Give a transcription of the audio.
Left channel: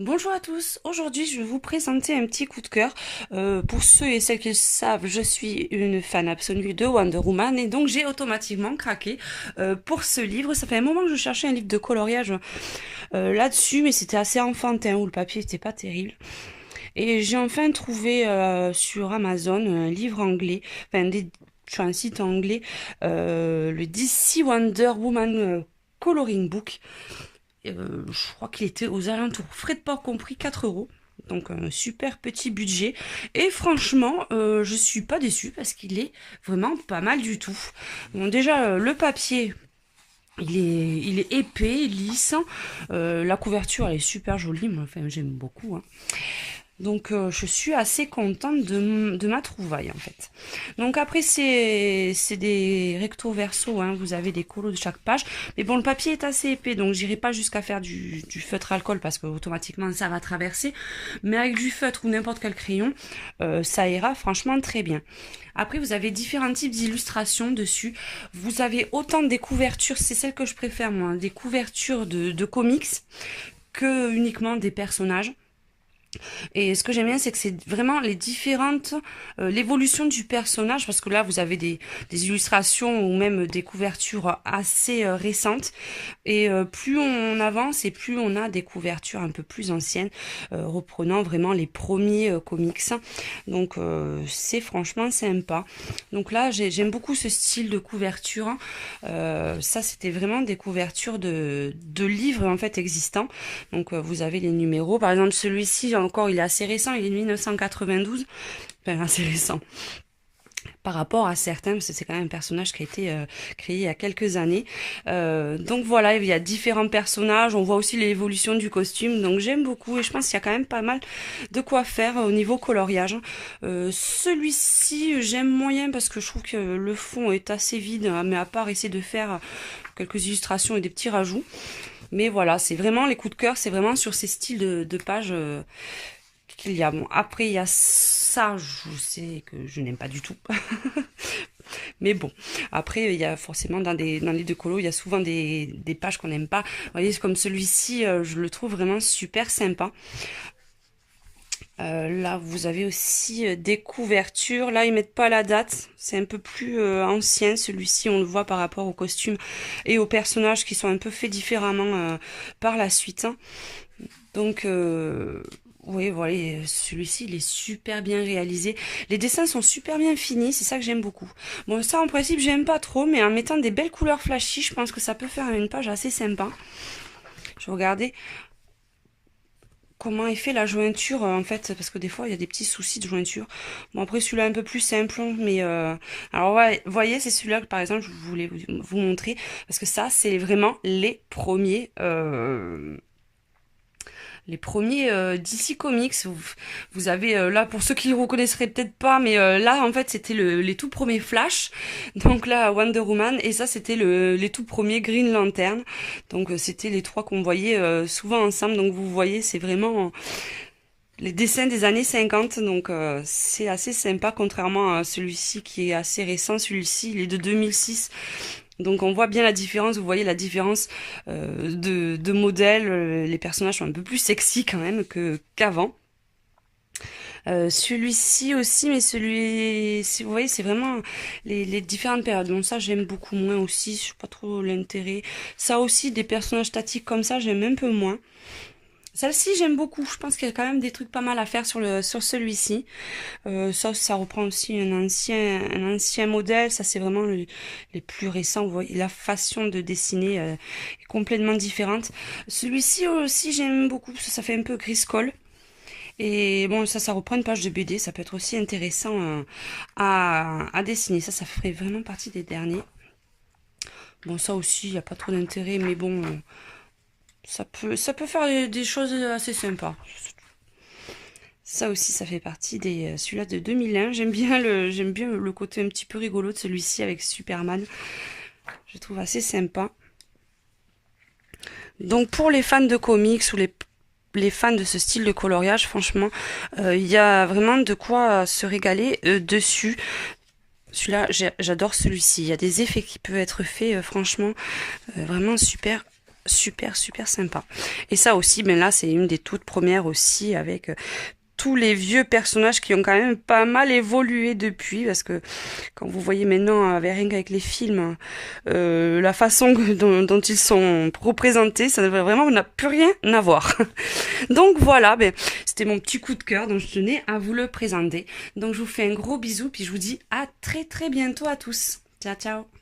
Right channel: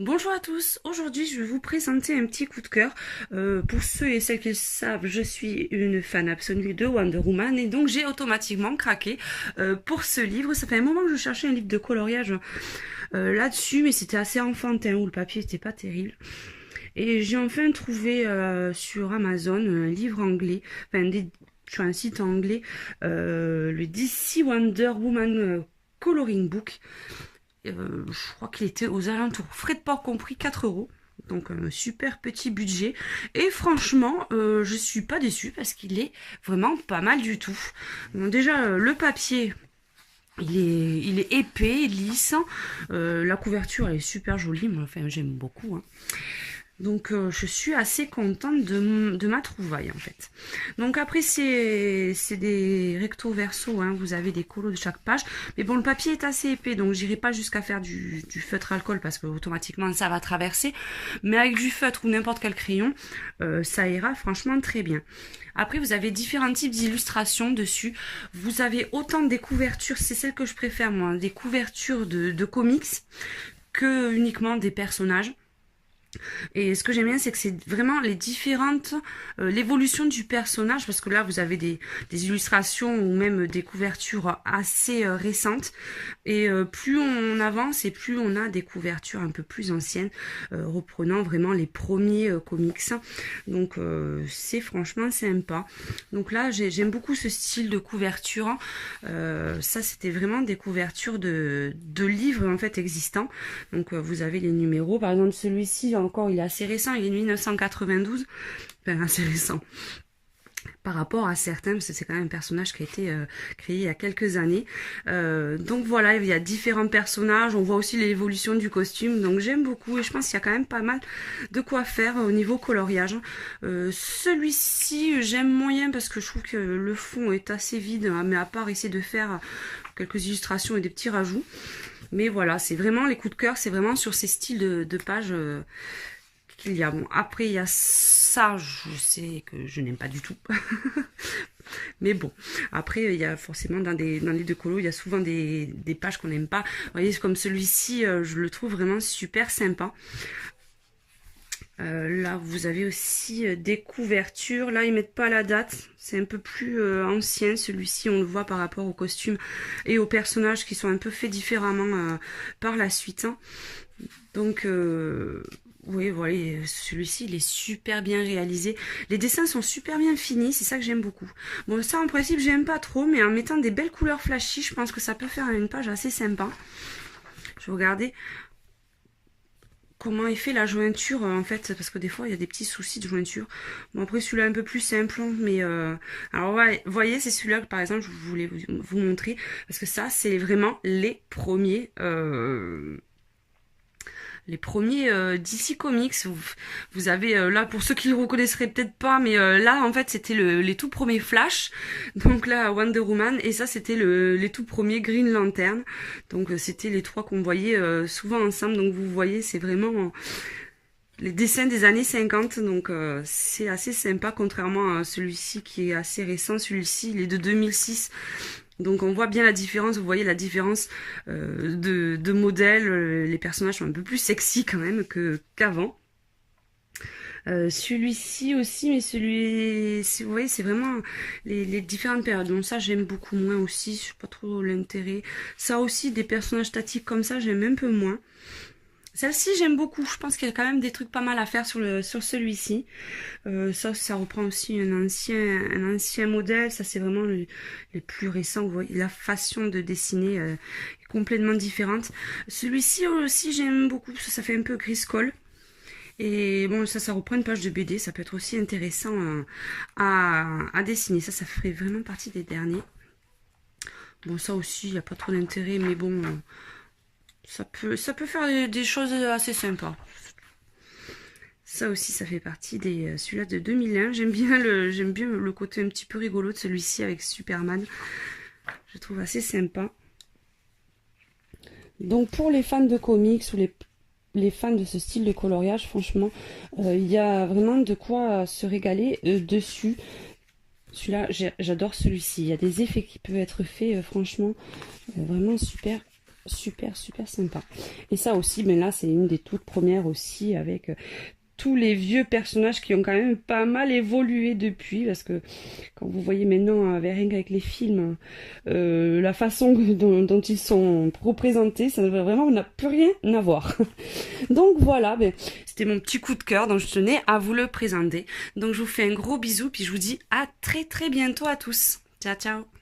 Bonjour à tous, aujourd'hui je vais vous présenter un petit coup de cœur. Pour ceux et celles qui le savent, je suis une fan absolue de Wonder Woman et donc j'ai automatiquement craqué pour ce livre. Ça fait un moment que je cherchais un livre de coloriage là-dessus, mais c'était assez enfantin où le papier n'était pas terrible. Et j'ai enfin trouvé sur Amazon un livre anglais, sur un site anglais, le DC Wonder Woman Coloring Book. Je crois qu'il était aux alentours, frais de port compris, 4 euros. Donc un super petit budget. Et franchement, je suis pas déçue parce qu'il est vraiment pas mal du tout. Bon, déjà, le papier, il est épais, lisse. La couverture, elle est super jolie. Moi, enfin, j'aime beaucoup, hein. Donc je suis assez contente de ma trouvaille en fait. Donc après c'est des recto verso, hein, vous avez des colos de chaque page. Mais bon, le papier est assez épais, donc j'irai pas jusqu'à faire du feutre alcool parce que automatiquement ça va traverser. Mais avec du feutre ou n'importe quel crayon, ça ira franchement très bien. Après, vous avez différents types d'illustrations dessus. Vous avez autant des couvertures, c'est celle que je préfère moi, des couvertures de comics que uniquement des personnages. Et ce que j'aime bien, c'est que c'est vraiment les différentes, l'évolution du personnage, parce que là, vous avez des illustrations ou même des couvertures assez récentes. Et plus on avance et plus on a des couvertures un peu plus anciennes, reprenant vraiment les premiers comics. Donc, c'est franchement sympa. Donc là, j'aime beaucoup ce style de couverture. Ça, c'était vraiment des couvertures de livres en fait existants. Donc, vous avez les numéros. Par exemple, celui-ci, encore, il est assez récent, il est de 1992, enfin assez récent par rapport à certains, parce que c'est quand même un personnage qui a été créé il y a quelques années. Donc voilà, il y a différents personnages, on voit aussi l'évolution du costume, donc j'aime beaucoup et je pense qu'il y a quand même pas mal de quoi faire au niveau coloriage. Celui-ci, j'aime moyen parce que je trouve que le fond est assez vide, mais à part essayer de faire quelques illustrations et des petits rajouts. Mais voilà, c'est vraiment les coups de cœur, c'est vraiment sur ces styles de pages qu'il y a. Bon, après, il y a ça, je sais que je n'aime pas du tout. Mais bon, après, il y a forcément dans les deux colos, il y a souvent des pages qu'on n'aime pas. Vous voyez, comme celui-ci, je le trouve vraiment super sympa. Là, vous avez aussi des couvertures. Là, ils mettent pas la date. C'est un peu plus ancien. Celui-ci, on le voit par rapport aux costumes et aux personnages qui sont un peu faits différemment par la suite. Donc, oui, voilà, celui-ci, il est super bien réalisé. Les dessins sont super bien finis. C'est ça que j'aime beaucoup. Bon, ça, en principe, j'aime pas trop. Mais en mettant des belles couleurs flashy, je pense que ça peut faire une page assez sympa. Je vais regarder comment est fait la jointure en fait, parce que des fois il y a des petits soucis de jointure. Bon, après celui-là un peu plus simple, mais alors ouais, voyez, c'est celui-là que par exemple je voulais vous montrer, parce que ça c'est vraiment les premiers DC Comics. Vous avez là, pour ceux qui le reconnaisseraient peut-être pas, mais là en fait c'était les tout premiers Flash, donc là Wonder Woman, et ça c'était les tout premiers Green Lantern. Donc c'était les trois qu'on voyait souvent ensemble. Donc vous voyez, c'est vraiment les dessins des années 50, donc c'est assez sympa, contrairement à celui-ci qui est assez récent. Celui-ci il est de 2006. Donc on voit bien la différence, vous voyez la différence de modèle. Les personnages sont un peu plus sexy quand même qu'avant. Celui-ci aussi, mais vous voyez, c'est vraiment les différentes périodes. Donc ça, j'aime beaucoup moins aussi, je sais pas trop l'intérêt. Ça aussi, des personnages statiques comme ça, j'aime un peu moins. Celle-ci, j'aime beaucoup. Je pense qu'il y a quand même des trucs pas mal à faire sur celui-ci. Ça reprend aussi un ancien modèle. Ça, c'est vraiment les plus récents. Vous voyez, la façon de dessiner est complètement différente. Celui-ci aussi, j'aime beaucoup parce que ça fait un peu gris-colle. Et bon, ça reprend une page de BD. Ça peut être aussi intéressant à dessiner. Ça ferait vraiment partie des derniers. Bon, ça aussi, il n'y a pas trop d'intérêt, mais bon... Ça peut faire des choses assez sympas. Ça aussi, ça fait partie des celui-là de 2001. J'aime bien le côté un petit peu rigolo de celui-ci avec Superman. Je trouve assez sympa. Donc pour les fans de comics ou les fans de ce style de coloriage, franchement, il y a vraiment de quoi se régaler dessus. Celui-là, j'adore celui-ci. Il y a des effets qui peuvent être faits, franchement, vraiment super. super sympa. Et ça aussi, ben là, c'est une des toutes premières aussi avec tous les vieux personnages qui ont quand même pas mal évolué depuis, parce que quand vous voyez maintenant rien qu'avec les films, la façon dont ils sont représentés, ça vraiment n'a plus rien à voir. Donc voilà, ben, c'était mon petit coup de cœur, donc je tenais à vous le présenter. Donc je vous fais un gros bisou, puis je vous dis à très bientôt à tous. Ciao ciao.